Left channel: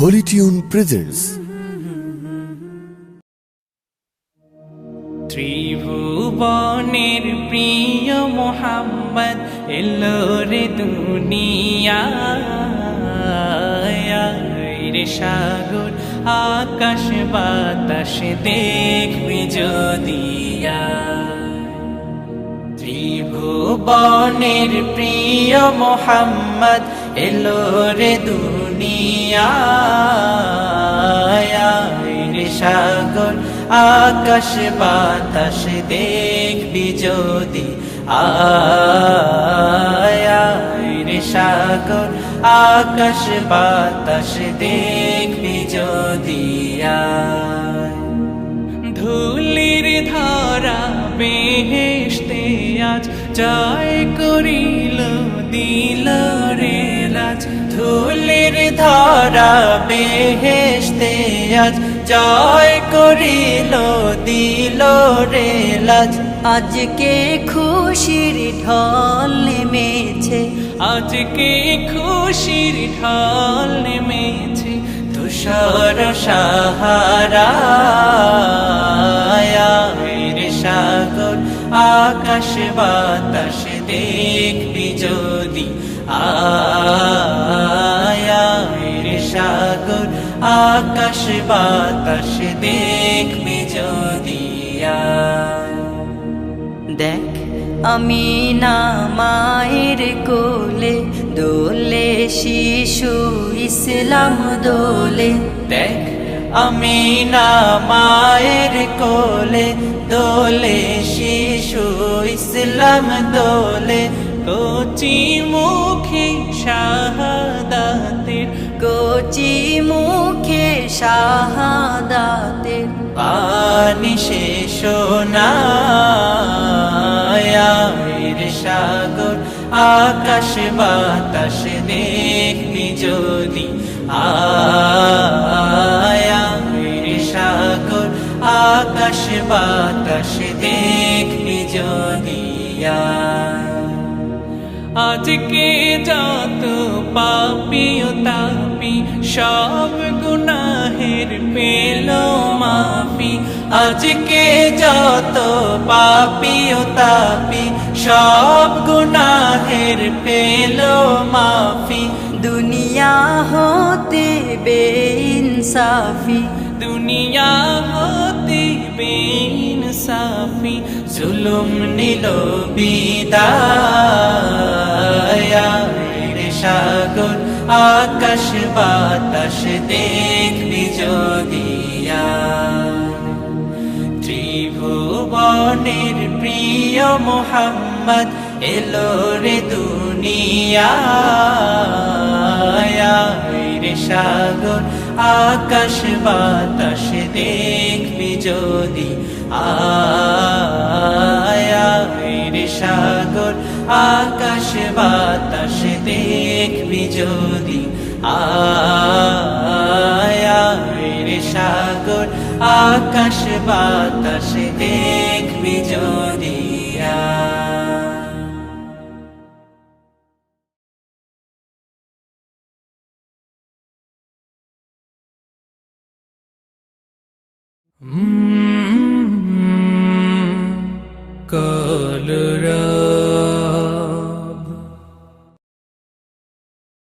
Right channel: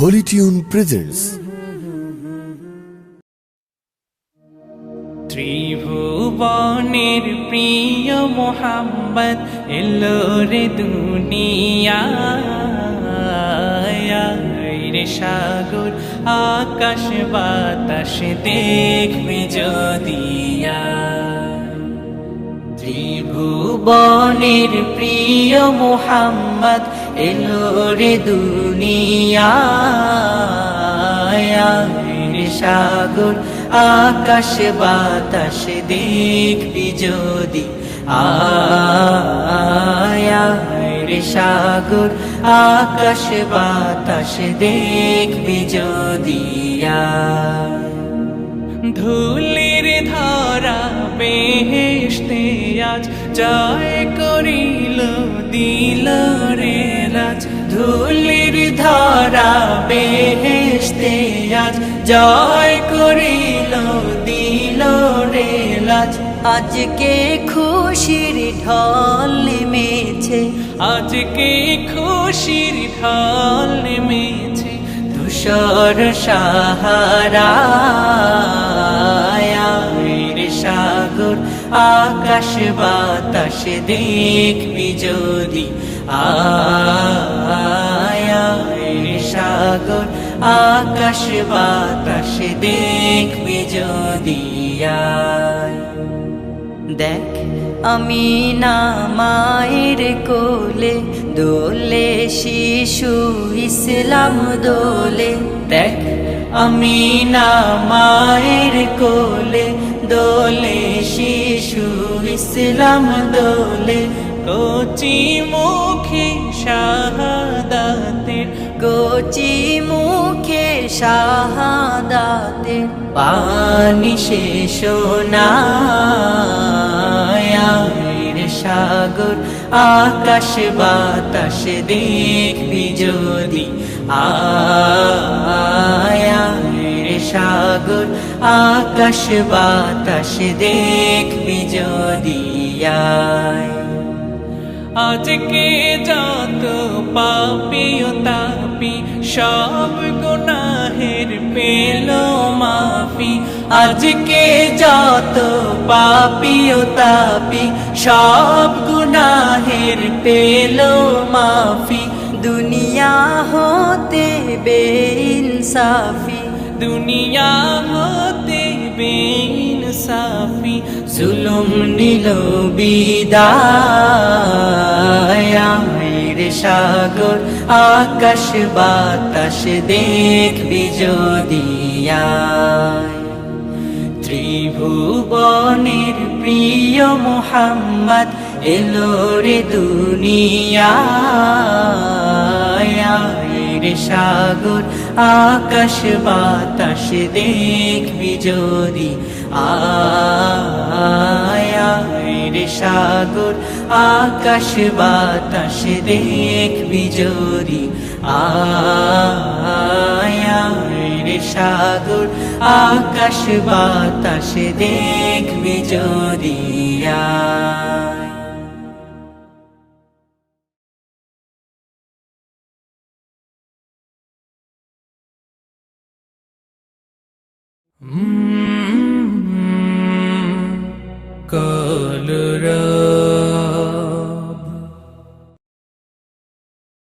Holi tune presents. ত্রিভুবনের প্রিয় মোহাম্মদ এলো রে দুনিয়ায় রে সাগর আকাশ বাতাস দেখবি যদিয়া। ত্রিভুবনের প্রিয় মোহাম্মদ এলো রে দুনিয়ায় রে সাগর আকাশ বাতাস দেখবি যদি আয় রে সাগর আকাশ বাতাস দেখবি যদি আয়। ধুলির ধরা বেহেশতে আজ জয় করিল দিল রে লাজ। ধুলির ধরা বেহেশতে আজ জয় করিল দিল রে লাজ। আজকে খুশির ঢল নেমেছে, আজকে খুশির ঢল নেমেছে ধূসর সাহারায় রে সাগর আকাশ বাতাস দেখবি যদি আয় রে সাগর আকাশ বাতাস দেখবি যদি আয়। দেখ আমি না মায়ের কোলে দোলে শিশু ইসলাম দোলে। দেখ আমি না মায়ের কোলে দোলে শিশু ইসলাম দোলে। কচি মুখে শাহাদাতের, কচি মুখে শাহাদাতের পানি শেষ রে সাগর আকাশ বাতাস দেখবি যদি আয় রে সাগর আকাশ বাতাস দেখবি যদি আয়। আজকে যত পাপী ও তাপী সব গুনাহের পেল মাফি। আজকে যত পাপী ও তাপী সব গুনাহের পেল মাফি। দুনিয়া হতে বেইনসাফি, দুনিয়া হতে বেইনসাফি জুলুম নিল বিদায় রে সাগর আকাশ বাতাস দেখবি যদি আয়। ত্রিভুবনের প্রিয় মোহাম্মদ এলো রে দুনিয়ায় রে সাগর আকাশ বাতাস দেখবি যদি আয় রে সাগর আকাশ বাতাস দেখবি যদি আয় রে সাগর আকাশ বাতাস দেখবি যদি আয়। কলরা